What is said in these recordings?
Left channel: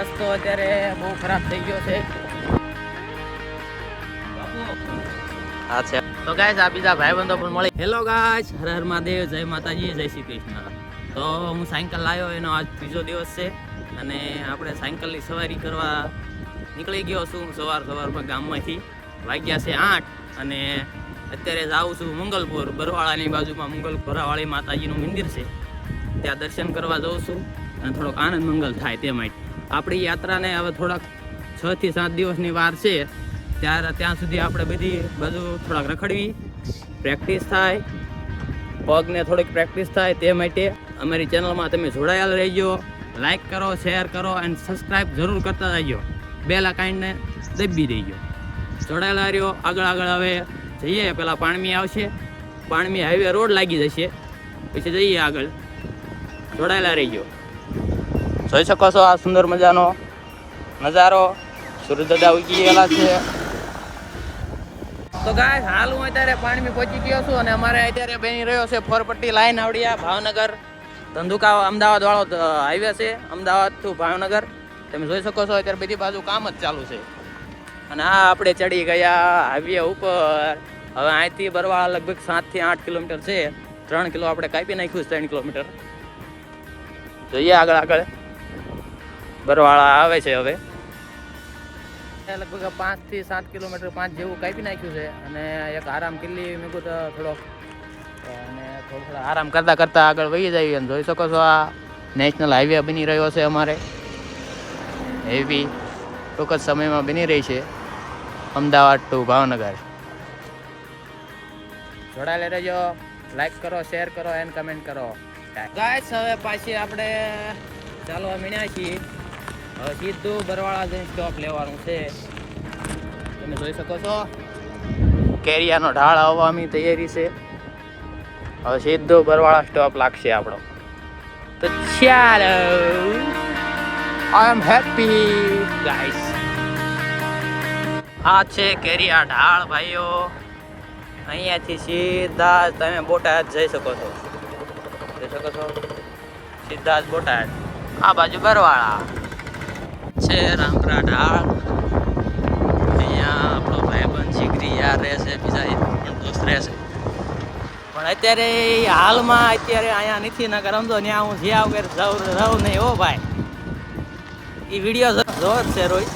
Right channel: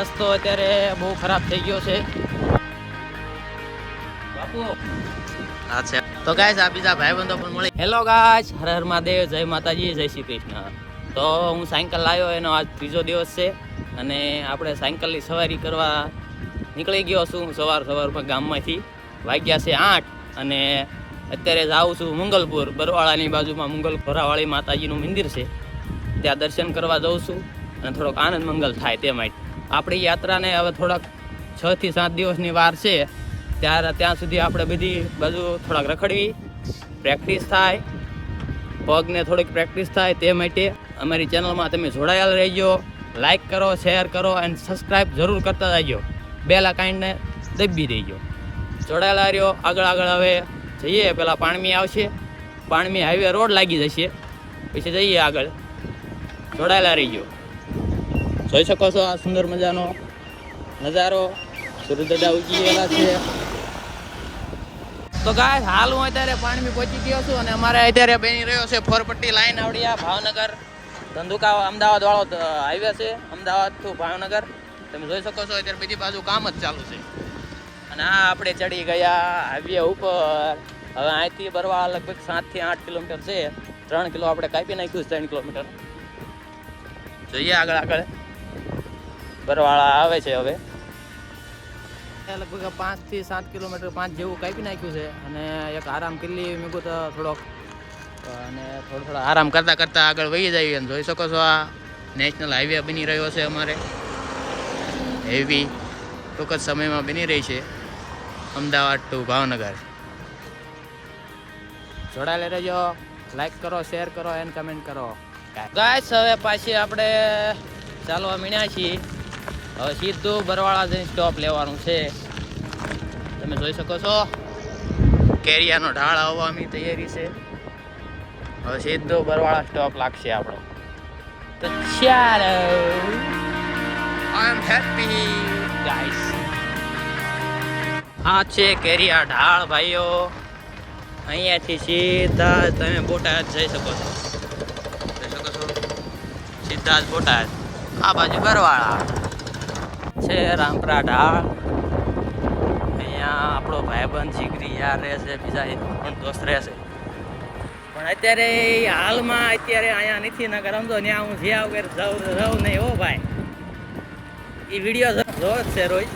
રસ્તો અત્યારે બહુ ખરાબ થઈ ગયો છે. હા છે તો ગાઈસ આ બીજા ભાઈબંધો પણ મળી. હેલો ગાઈસ, હર હર મહાદેવ, જય માતાજી, જય શ્રી કૃષ્ણ. તો હું સાયકલ લાવ્યો, એનો આજ ત્રીજો દિવસ છે અને આપણે સાયકલની સવારી કરવા નીકળી ગયો છું સવારમાં ગામમાંથી. વાગ્યા છે 8 અને અત્યારે જાઉં છું મંગલપુર. બરવાળાની બાજુમાં ભરાવાળી માતાજીનું મંદિર છે, ત્યાં દર્શન કરવા જાઉં છું અને થોડોક આનંદ મંગલ થાય તે માટે. આપણી યાત્રાને હવે થોડાક 6 થી 7 દિવસની વાર છે, ત્યાં સુધી આપણે બધી બાજુ થોડાક રખડવી, પ્રેક્ટિસ થાય, પગને થોડીક પ્રેક્ટિસ થાય. તે માટે અમારી ચેનલમાં તમે જોડાયેલા રહેજો. લાઈક કરો, શેર કરો અને સબસ્ક્રાઈબ જરૂર કરતા રહેજો. બેલ આઇકનને દબી દેજો. જોડાયેલા રહ્યો. આગળ હવે જઈએ. પેલા પાણમી આવશે, પાણમી હાઈવે રોડ લાગી જશે, પછી જઈએ આગળ. જોડાયેલા રહીજો. જોઈ શકો છો આ સુંદર મજાનો નજારો. સૂર્યદાદા ઉગી ગયેલા છે. તો ગાઈસ હાલ હું અત્યારે પાણમી પહોંચી ગયો છું અને અમારે અત્યારે બની રહ્યો છે ફોરપટ્ટી લાઈન આવડિયા ભાવનગર ધંધુકા અમદાવાદ વાળો હાઈવે છે, અમદાવાદ ટુ ભાવનગર. તમે જોઈ શકો છો અત્યારે બધી બાજુ કામ જ ચાલુ છે. અને આ આપણે ચડી ગયા હાઈવે ઉપર. હવે અહીંથી બરવાળા લગભગ 7 થી 8 કિલોમીટર છે. 3 કિલો આપણે કાપી નાખ્યું છે, 3 કિલોમીટર. જઈએ આગળ. બરવાળા આવે છે હવે. લગભગ 5 થી 7 કિલોમીટર 5 જેવું કાપી નાખ્યું છે અને એક આરામ કિલ્લી મેગું તો થોડો આરામ કરતા આગળ વહી જઈએ. અને જોઈ શકો છો આ નેશનલ હાઈવે બની રહ્યો છે અમારે. હેવી ટૂંક જ સમયમાં બની રહી છે, અમદાવાદ ટુ ભાવનગર. જોડાયેલા રહેજો. લાઈક કરો, શેર કરો એન્ડ કમેન્ટ કરો. ગાઈસ હવે પાછી આપણે ચાલવા મીણ્યા છીએ. હવે સીધું બરવાળા જઈને સ્ટોપ લેવાનું છે. તમે જોઈ શકો છો કેરિયાનો ઢાળ આવવાની તૈયારી છે. હવે સીધું બરવાળા સ્ટોપ લાગશે આપણો. તો ચાલો, આઈ એમ હેપી ગાઈસ. આ છે કેરિયા ઢાળ ભાઈઓ. અહીંયાથી સીધા તમે બોટાદ જઈ શકો છો. સીધા જ બોટાદ. આ બાજુ બરવાળા છે, રામપરા ઢાળ. અહીંયા આપણો ભાઈબંધ જીગરી યાર રહેશે, બીજા પણ દોસ્ત રહેશે. પણ અત્યારે હાલમાં અહીંયા નથી. ન કરમ તો ત્યાં હું જ્યાં વગર રહું નહીં. હો ભાઈ, એ વિડીયો જોર છે રોય.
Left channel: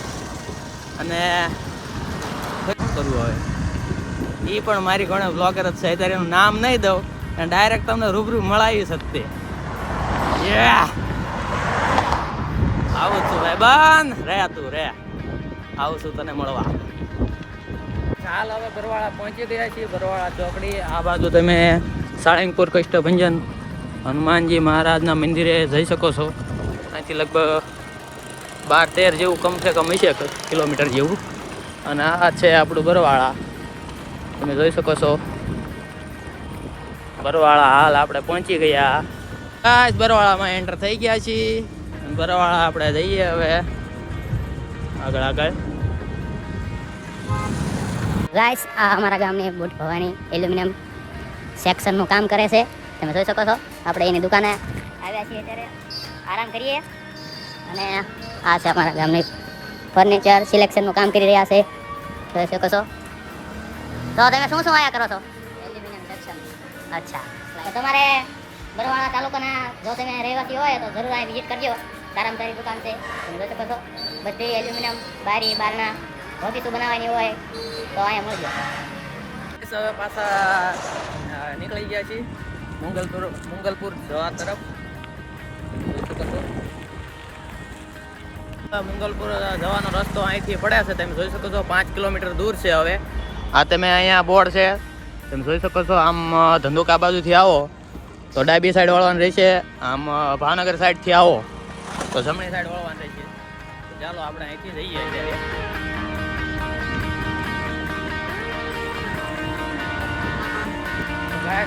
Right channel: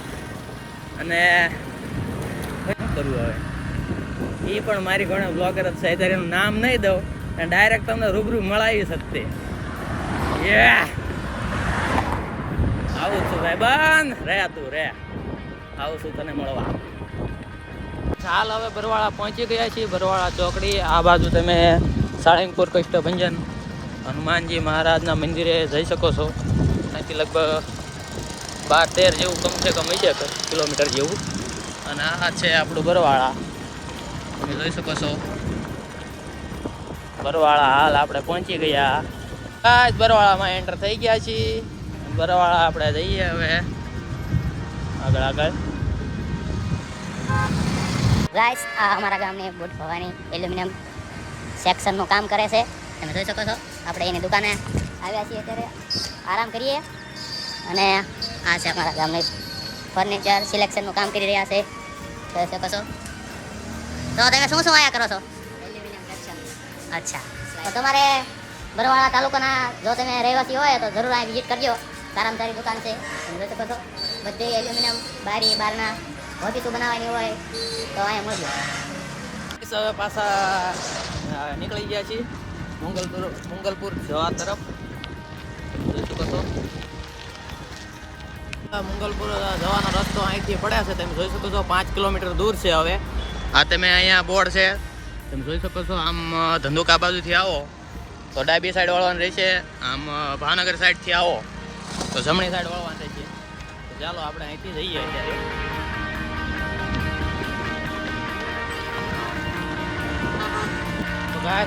અને શું કરવું હવે, એ પણ મારી ઘણા બ્લોગર જ છે. અત્યારે એનું નામ નહીં દઉં અને ડાયરેક્ટ તમને રૂબરૂ મળાવી શકતે. આવું છું ભાઈ બંધ રે, તું રે. આવું છું તને મળવા. ચાલ હવે બરવાળા પહોંચી ગયા છીએ. બરવાળા ચોકડી. આ બાજુ તમે સાળંગપુર કષ્ટભંજન હનુમાનજી મહારાજના મંદિરે જઈ શકો છો. અહીંથી લગભગ 12-13 જેવું કમસે કમ હશે, કિલોમીટર જેવું. અને આ છે આપણું બરવાળા. તમે જોઈ શકો છો બરવાળા. હાલ આપણે પહોંચી ગયા. આ બરવાળામાં એન્ટર થઈ ગયા છીએ. બરવાળા આપણે જઈએ હવે આગળ. ગાઈસ આ અમારા ગામની બુટ ભવાની એલ્યુમિનિયમ સેક્શનનું કામ કરે છે. તમે જોઈ શકો છો. આપણે એની દુકાને આવ્યા છીએ, અત્યારે આરામ કરીએ. અને આ છે અમારા ગામની ફર્નિચર સિલેક્શનનું કામ કરી રહ્યા છે. જોઈ શકો છો. તો તમે શું આયા કરો છો? Aluminium section. અચ્છા, તો તમારે બરવાળા તાલુકાના જો તમે રહેવાસી હોય તો જરૂર આ વિઝિટ કરજો. સારામાં સારી દુકાન છે. તમે જોઈ શકો છો. બધી એલ્યુમિનિયમ બારી બારણા હોતીતું બનાવવાની હોય તો અહીંયા મળજો. હવે પાછા નીકળી ગયા છીએ મંગલપુર જવા તરફ. મંગલપુર જવાનો રસ્તો અહીંથી પડ્યા છે. તમે જોઈ શકો છો 5 કિલોમીટર દૂર છે. હવે આ તમે અહીંયા બોર્ડ છે, તમે જોઈ શકો છો. આમ ધંધુકા બાજુથી આવો તો ડાબી સાઈડ વળવાનું રહેશે. આમ ભાવનગર સાઈડથી આવો તો જમણી સાઈડ વળવાનું રહેશે. તો ચાલો આપણે અહીંથી જઈએ અત્યારે.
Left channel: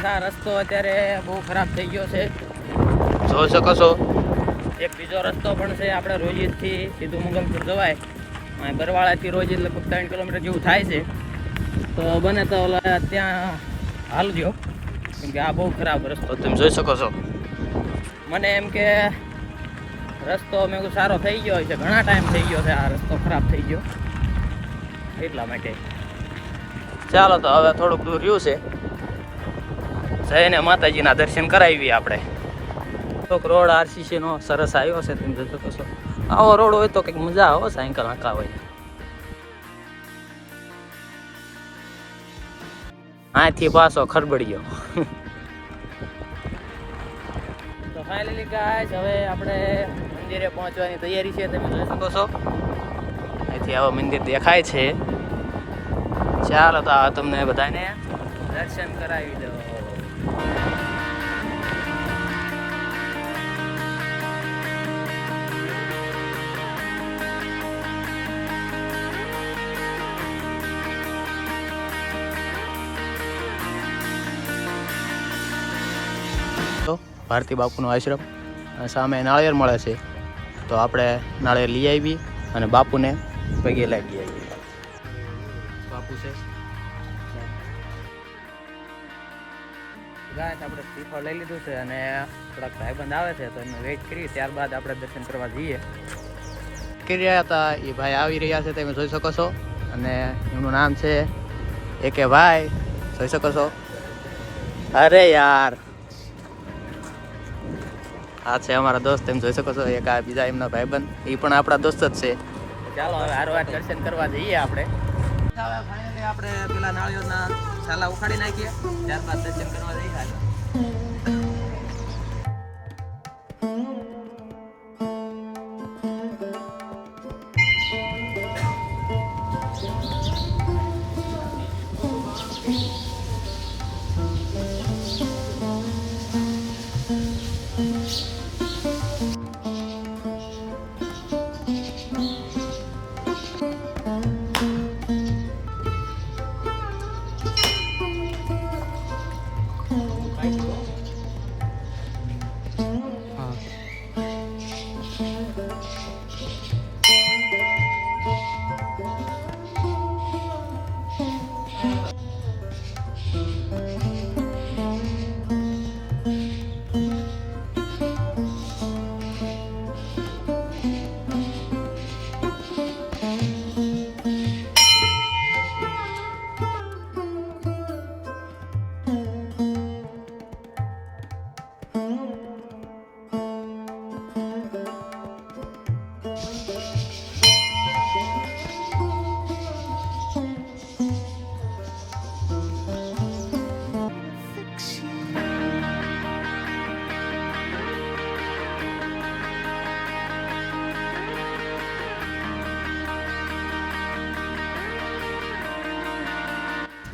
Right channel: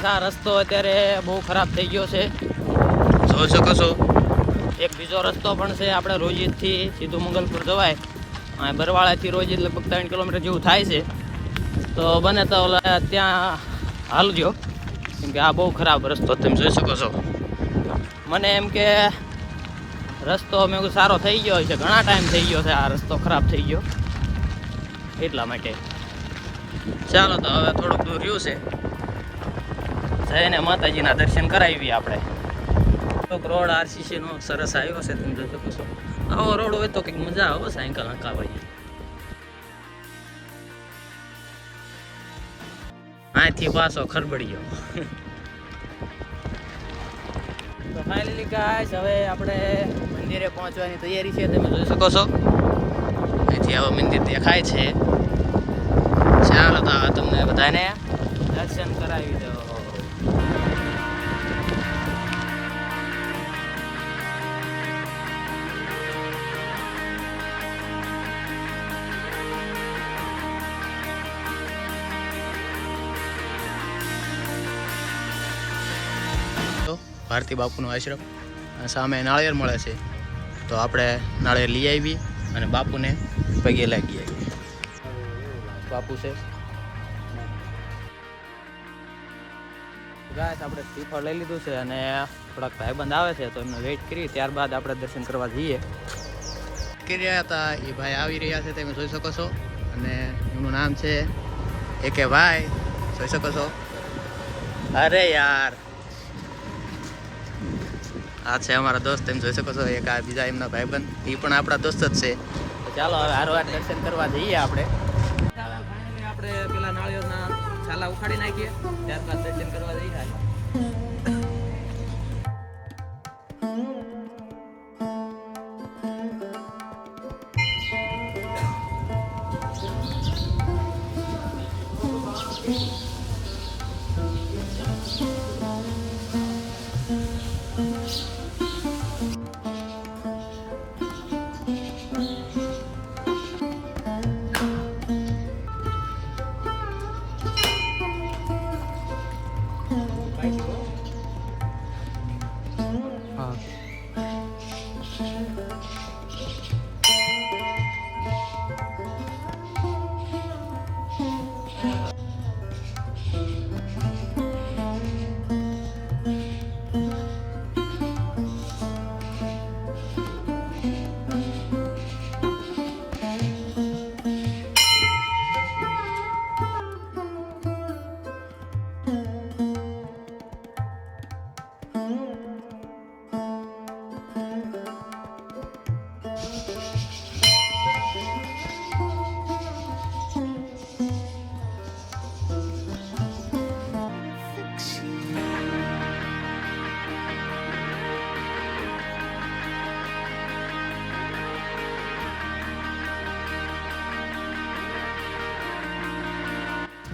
આ રસ્તો અત્યારે બહુ ખરાબ થઈ ગયો છે, જોઈ શકો છો. એક બીજો રસ્તો પણ છે. આપણે રોજીદથી સીધું મંગલપુર જવાય. બરવાળાથી રોજીદ લગભગ 3 કિલોમીટર જેવું થાય છે. તો બને તો ત્યાં હાલજો, કેમ કે આ બહુ ખરાબ રસ્તો તમે જોઈ શકો છો. મને એમ કે રસ્તો મેં કહ્યું સારો થઈ ગયો છે, ઘણા ટાઈમ થઈ ગયો છે આ રસ્તો ખરાબ થઈ ગયો એટલા માટે. ચાલો તો હવે થોડુંક દૂર રહ્યું છે, જઈને માતાજીના દર્શન કરાવીએ આપણે. થોડોક રોડ આરસીસી નો સરસ આવ્યો છે, તમે જોઈ શકો છો. આવો રોડ હોય તો કંઈક મજા આવે સાયકલ હાંકાવાય. આથી પાછો ખરબડિયો. તો ફાઇનલી ગાઈસ હવે આપણે મંદિરે પહોંચવાની તૈયારી છે, તમે જોઈ શકો છો. અહીંથી આવો મંદિર દેખાય છે. ચાલો તો તમને બધાને દર્શન કરાવી દો. ભારતી બાપુનો આશ્રમ સામે નાળિયેર મળે છે, તો આપણે નાળિયેર લઈ આવી અને બાપુને પગે લાગી આવી. બાપુ છે ગાય આપણે શ્રીફળ લઈ લીધું છે અને થોડાક ભાઈબંધ આવે છે તો એમને વેઇટ કરી, ત્યારબાદ આપણે દર્શન કરવા જઈએ. કરી રહ્યા હતા એ ભાઈ આવી રહ્યા છે, તમે જોઈ શકો છો. અને એમનું નામ છે એકે ભાઈ, જોઈ શકો છો. અરે યાર આ છે અમારા દોસ્ત, તમે જોઈ શકો છો. એક આ બીજા એમના ભાઈબંધ, એ પણ આપણા દોસ્ત જ છે. તો ચાલો હવે હારવાર દર્શન કરવા જઈએ આપણે. ફાઇનલી આપણે પેલા નાળિયેરના છાલા ઉખાડી નાખીએ, ત્યારબાદ દર્શન કરવા જઈએ.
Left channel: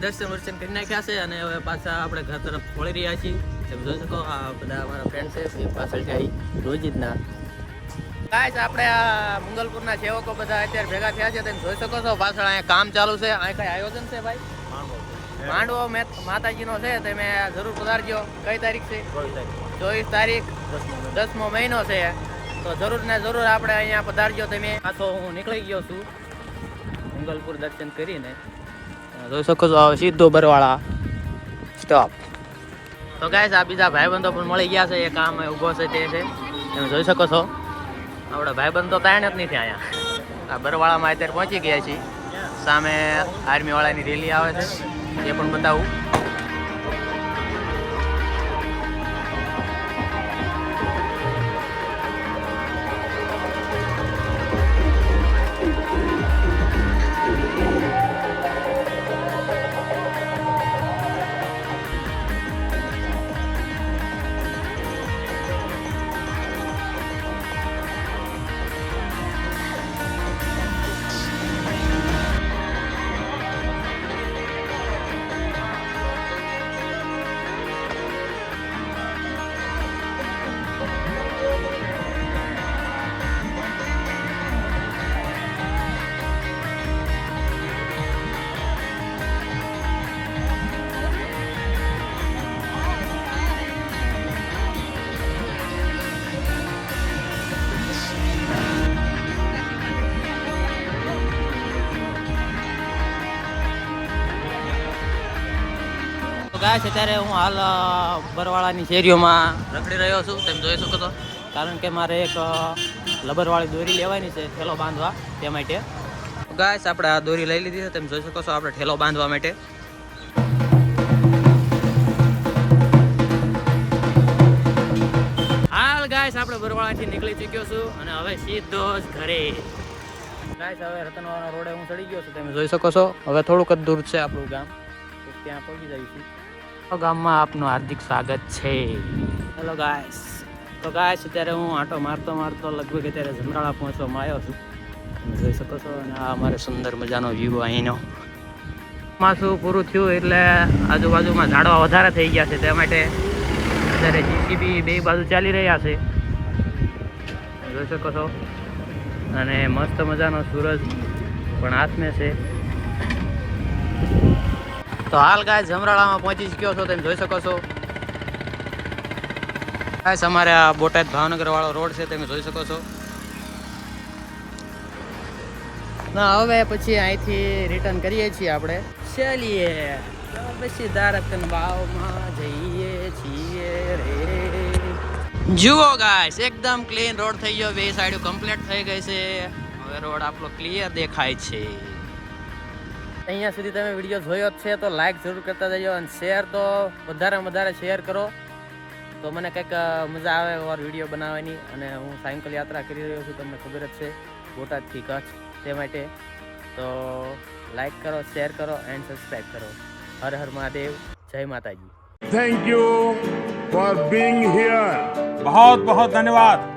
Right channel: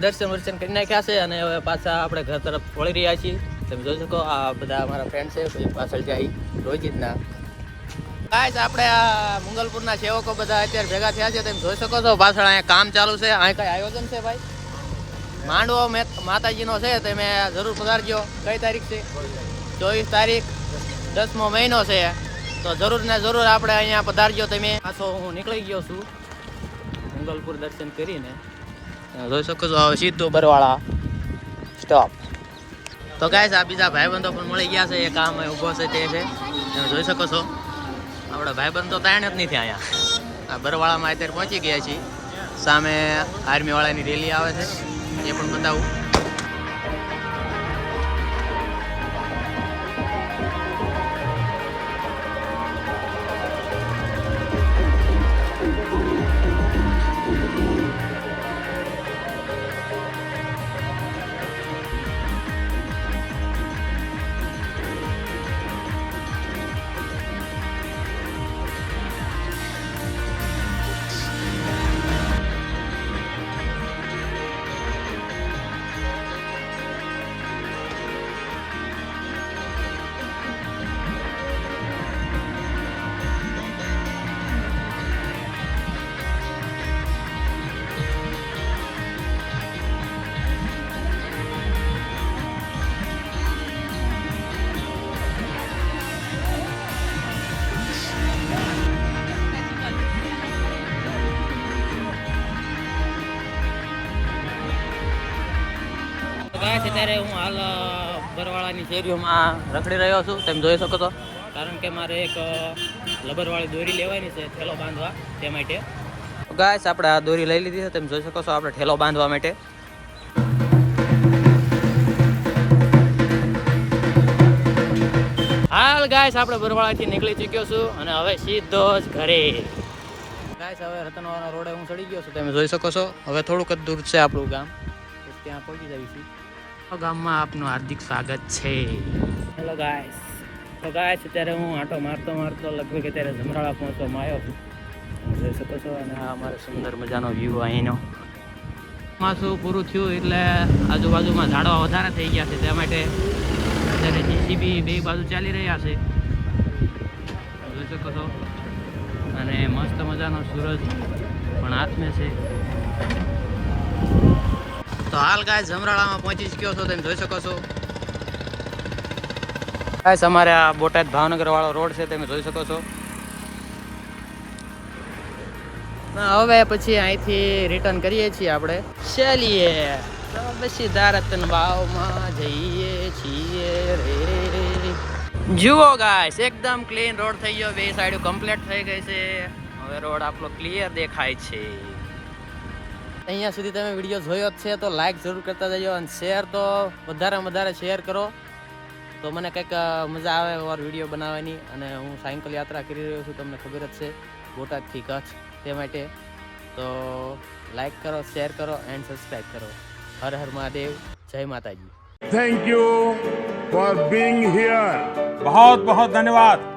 દર્શન વર્શન કરી નાખ્યા છે અને હવે પાછા આપણે ઘર તરફ વળી રહ્યા છીએ. તમે જોઈ શકો આ બધા અમારા ફ્રેન્ડ છે, પછી પાછળ જાય રોજિતના. ગાઈસ આપણે આ મંગલપુરના સેવકો બધા અત્યારે ભેગા થયા છે, તમે જોઈ શકો છો. પાછળ અહીંયા કામ ચાલુ છે. અહીં કઈ આયોજન છે ભાઈ? માંડવો માતાજીનો છે, તમે જરૂર પધારજો. કઈ તારીખ છે? 24 તારીખ 10મો મહિનો છે, તો જરૂર ને જરૂર આપણે અહીંયા પધારજો તમે. પાછો હું નીકળી ગયો છું મંગલપુર દર્શન કરીને. જોઈ શકો છો સીધો બરવાળા સ્ટોપ. તો ગાઈસ આ બીજા ભાઈબંધો પણ મળી ગયા છે, એક આમ ઊભો છે તે છે, તમે જોઈ શકો છો. આપણા ભાઈબંધ તો તાણ જ નથી અહીંયા. આ બરવાળામાં અત્યારે પહોંચી ગયા છીએ. સામે આર્મી વાળાની રેલી આવે છે, એ પણ બતાવું. અત્યારે હું હાલ બરવાળાની શેરીઓમાં રખડી રહ્યો છું, તમે જોઈ શકો છો. કારણ કે મારે એક લબરવાળી દોરી લેવાની છે ઠેલો બાંધવા તે માટે. ગાઈસ આપણે આ દોરી લઈ લીધી છે, તમે જોઈ શકો છો આપણે ઠેલો બાંધવા માટે. હાલ ગાઈસ આપણે બરવાળાથી નીકળી ચૂક્યો છું અને હવે સીધો જ ઘરે. ગાઈસ હવે રતનવાળા રોડે હું ચડી ગયો છું, તમે જોઈ શકો છો. હવે થોડુંક જ દૂર છે આપણું ગામ, ત્યાં પહોંચી જઈશું. ગામમાં આપનું હાર્દિક સ્વાગત છે. Hello guys. તો ગાઈસ અત્યારે હું આંટો મારતો લગભગ અત્યારે જમરાળા પહોંચવામાં આવ્યો છું, તમે જોઈ શકો છો. અને આ અમારે સુંદર મજાનો વ્યૂ અહીંનો. ચોમાસું પૂરું થયું એટલે આજુબાજુમાં ઝાડવા વધારે થઈ ગયા છે, તે માટે અત્યારે જીસીબી બે બાજુ ચાલી રહ્યા છે, જોઈ શકો છો. અને મસ્ત મજાનો સૂરજ પણ હાથમે છે. તો હાલ ગાય જમરાળામાં પહોંચી ગયો છો, તમે જોઈ શકો છો. ગાઈસ અમારે આ બોટાદ ભાવનગર વાળો રોડ છે, તમે જોઈ શકો છો. હવે પછી અહીંથી રિટર્ન કરીએ છીએ આપણે. ચાલીએ પછી દારતન વાવમાં જઈએ છીએ રે. જુઓ ગાઈસ એકદમ ક્લીન રોડ થઈ ગયો, બે સાઈડ કમ્પ્લીટ થઈ ગઈ છે. હવે રોડ આપણો ક્લિયર દેખાય છે. અહીંયા સુધી તમે વિડીયો જોયો જ છે તો લાઈક જરૂર કરતા જજો અને શેર તો વધારે શેર કરો તો મને કંઈક મજા આવે ઓર વિડીયો બનાવવાની. અને હું સાયકલ યાત્રા કરી રહ્યો છું, તમને ખબર જ છે, બોટાદથી કચ્છ, તે માટે તો લાઈક કરો, શેર કરો એન્ડ સબસ્ક્રાઈબ કરો. હર હર મહાદેવ, જય માતાજી. Thank you for being here. बहुत बहुत धन्यवाद.